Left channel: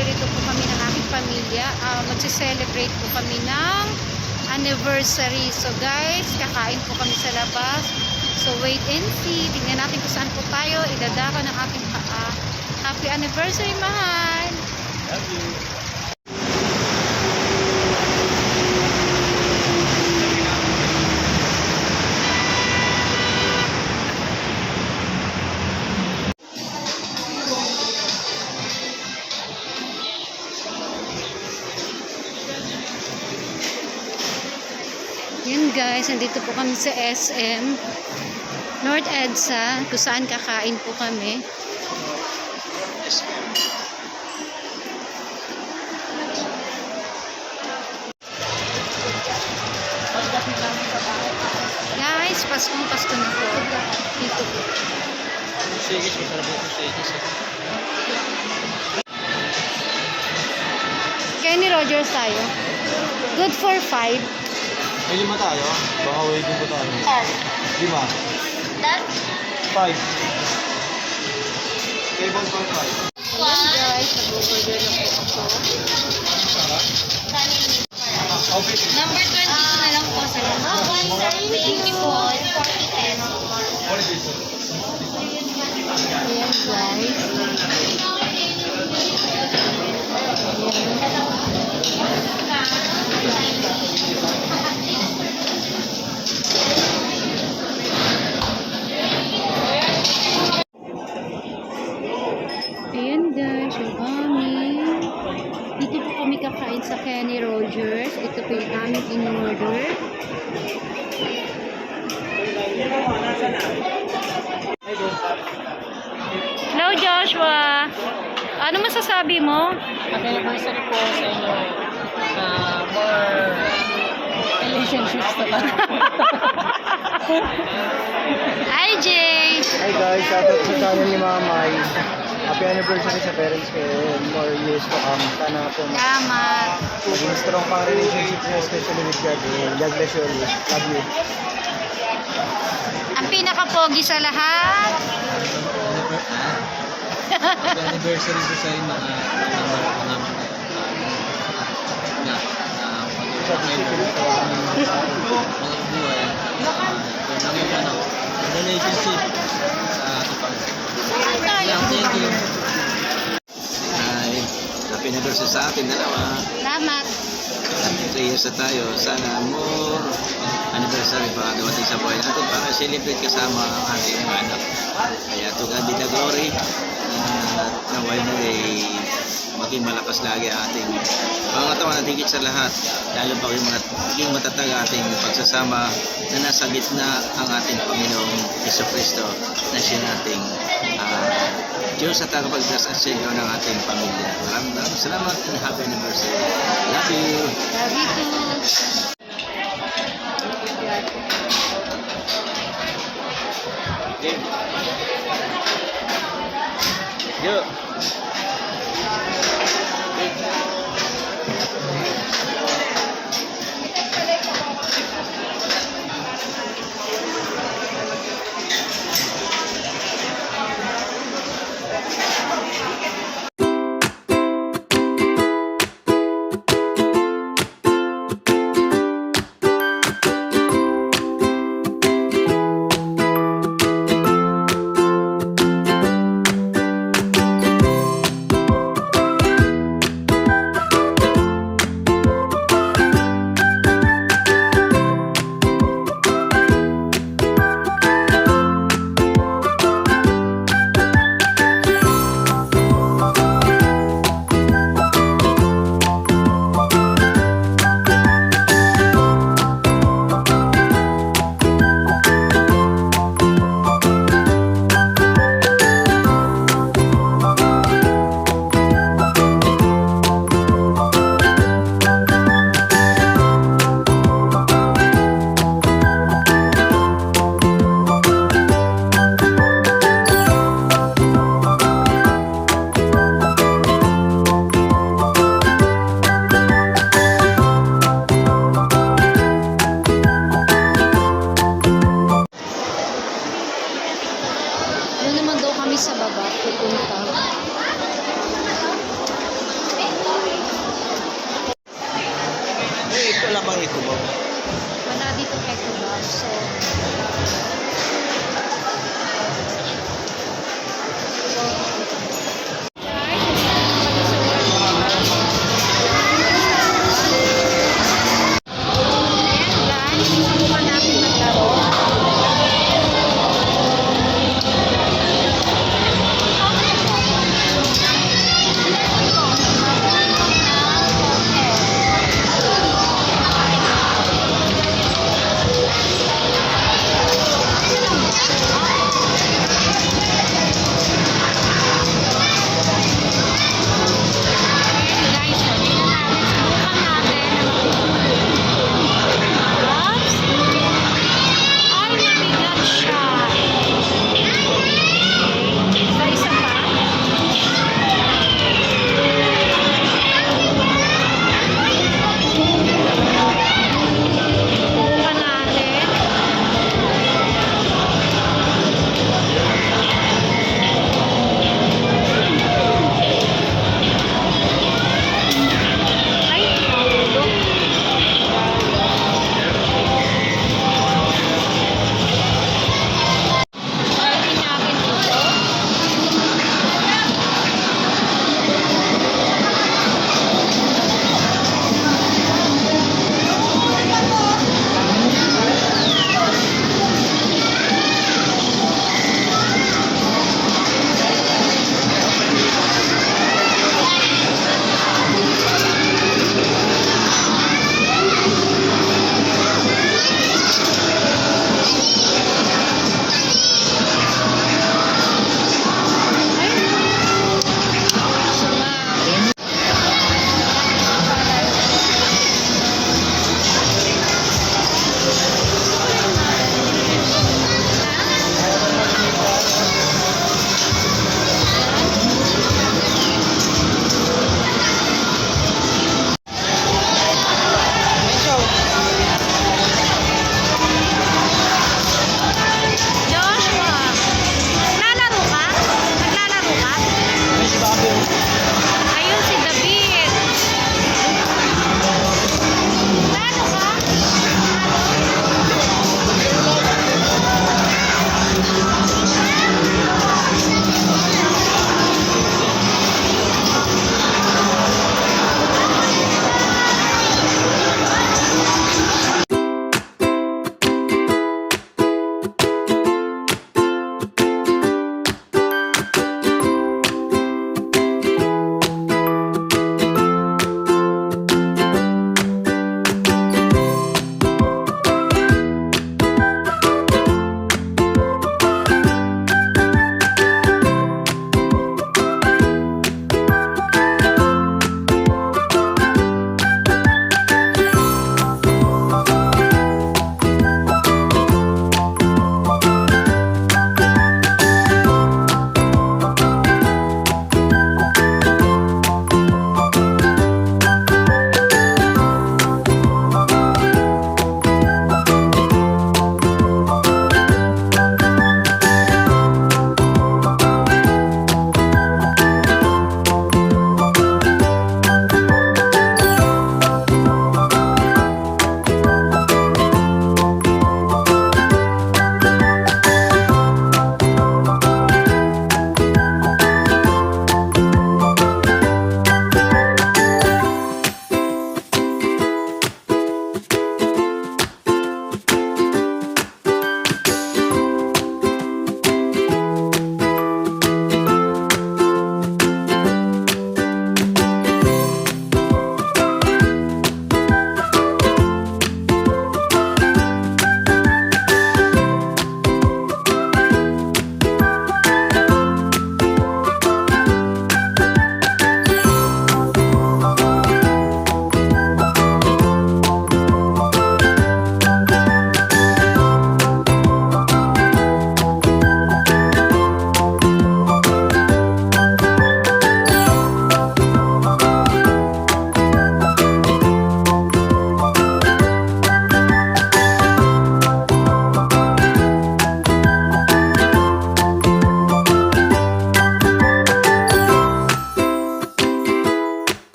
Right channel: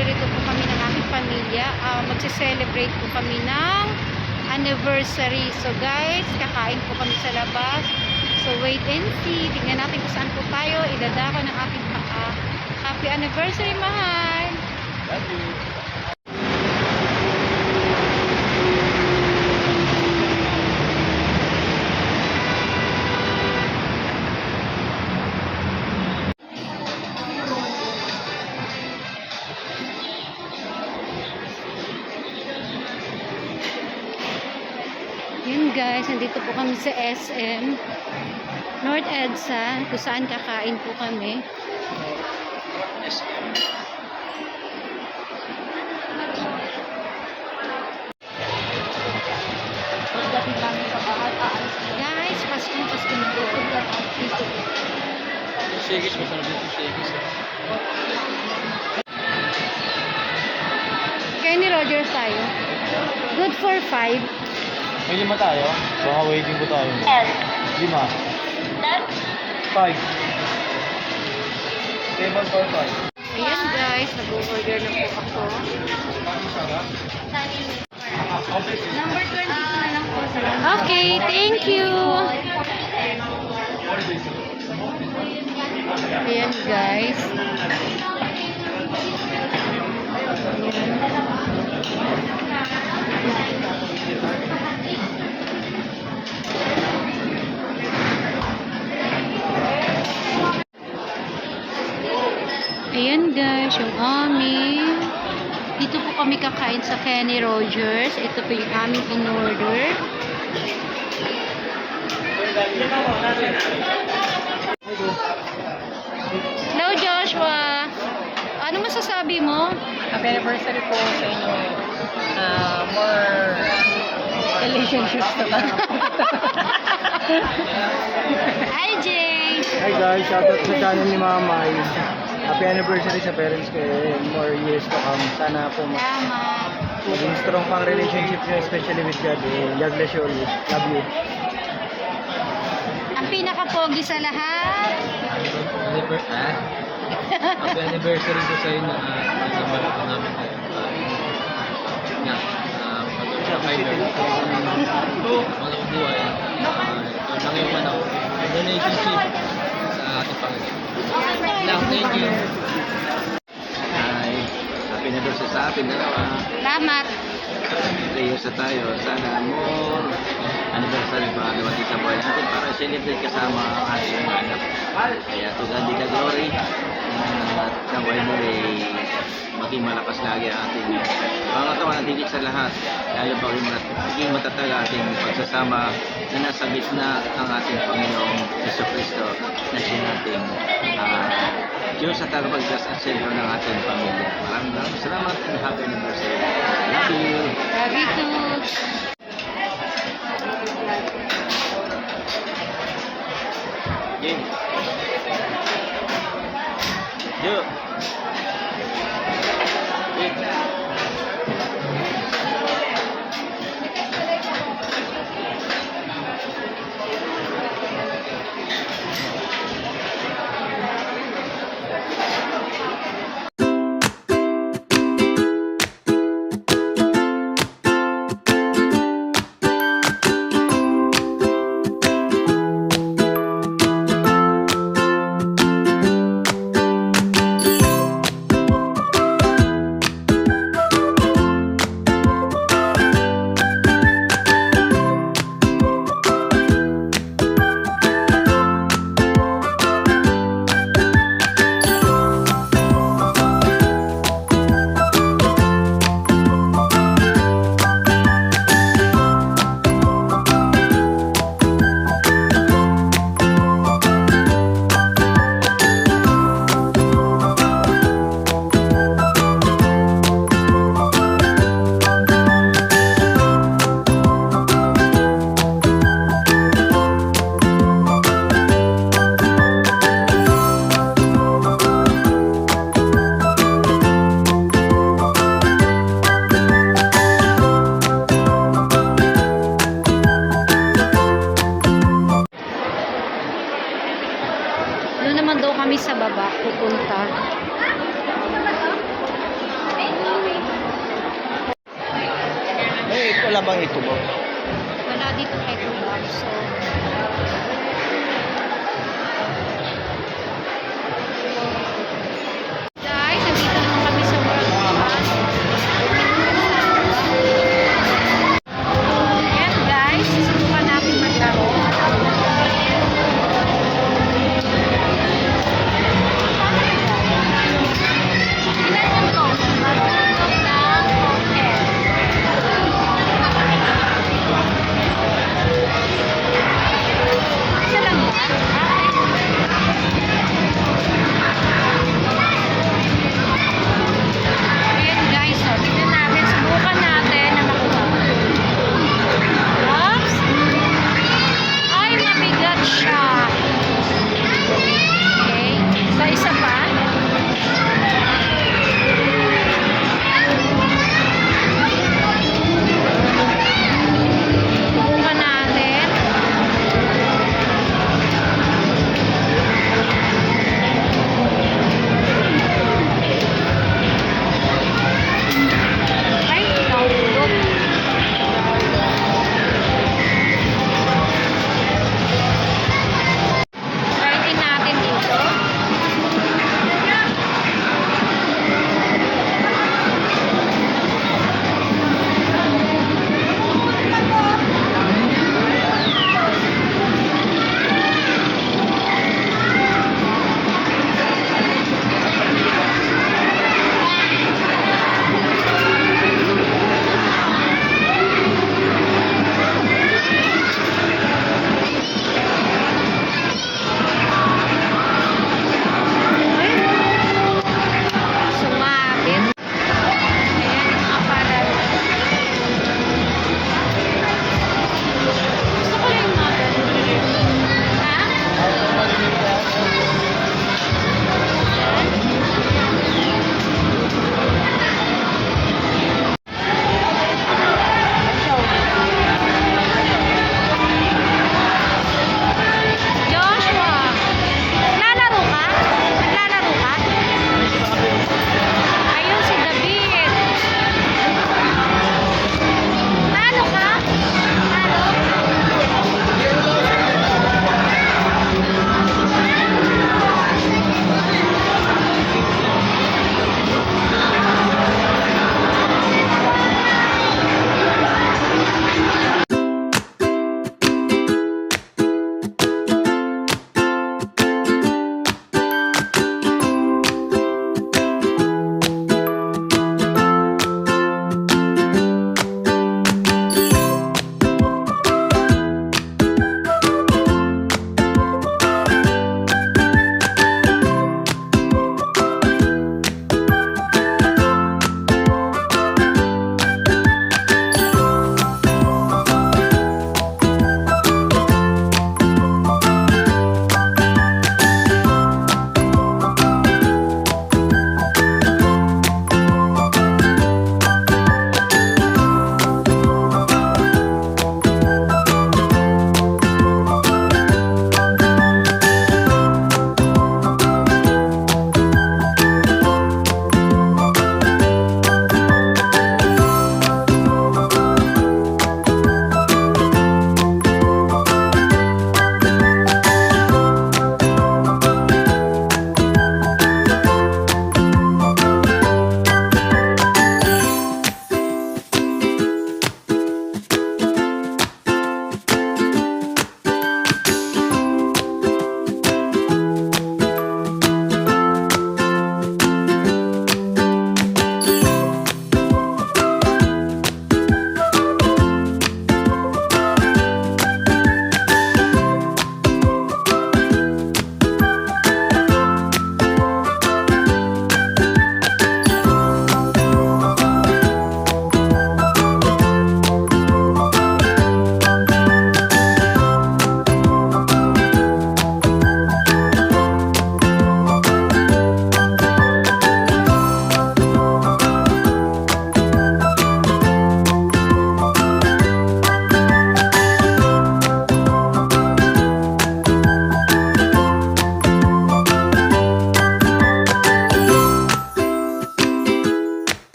naririto po kami ng aming pamilya. Magse-celebrate po kami ng anniversary. So guys, kakain po kami sa labas. So wait and see. Tingnan natin kung saan po tayo idadako ng aking happy anniversary, mahal. Love you. Yun guys, nandito po kami sa SM North EDSA, kung saan kakain po kami. Guys, Pasko na po. Dito po. Sigis mo sabi ng sigis. Kenny Rogers tayo. Good for 5. May 5 tayo. Baka waiting po tayo. 5. 5. Table for 5. Ayan guys, nag-order na po ako. Number 22 na lang po sa Okay, thank you. Ayan guys. Ayan guys, yung aming. Dito po kami kakain sa Kenny Rogers. Ito po yung aming in-order. Hello Joshua! Ano masasabi mo? Happy anniversary po sa inyo. More relationships na tayo. Hi Jay! Hi guys, shoutout sa channel ni Mamay. Happy anniversary sa parents ko and more years to come. Sana po Salamat! maging strong pang relationship niyo, especially with God. God bless you always. Love you. Ang pinaka-pogi sa lahat. Happy anniversary po sa inyo mga buhay. Relationship sa ating Panginoon. Thank you. Hi, happy anniversary sa atin dalawa. Salamat! 3 years na tayo. Sana more anniversary pa dumating sa buhay natin para celebrate kasama ang ating mga anak. Kaya to God be the glory. At naway na maging malakas lagi ang ating pangatawan at higit sa lahat. Lalo pa maging matatag ating pagsasama na nasa gitna ang ating Panginoong Jesucristo na siya nating Diyos at tagapagdas at sentro ng ating pamilya. Maraming salamat and happy anniversary. Love you! Love you too! Cubao. Wala dito kay Cubao. So, guys, nandito naman kami sa World Cup. Ayan guys, subukan natin maglaro. Marunong ng hotel.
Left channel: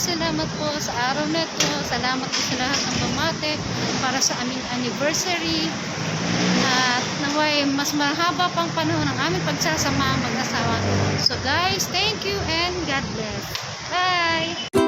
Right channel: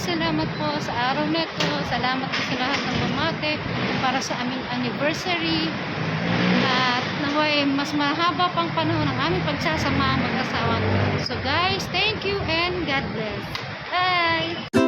salamat po sa araw na ito. Salamat po sa lahat ng bumate para sa aming anniversary. At naway mas mahaba pang panahon ang aming pagsasama mag-asawa. So guys, thank you and God bless. Bye!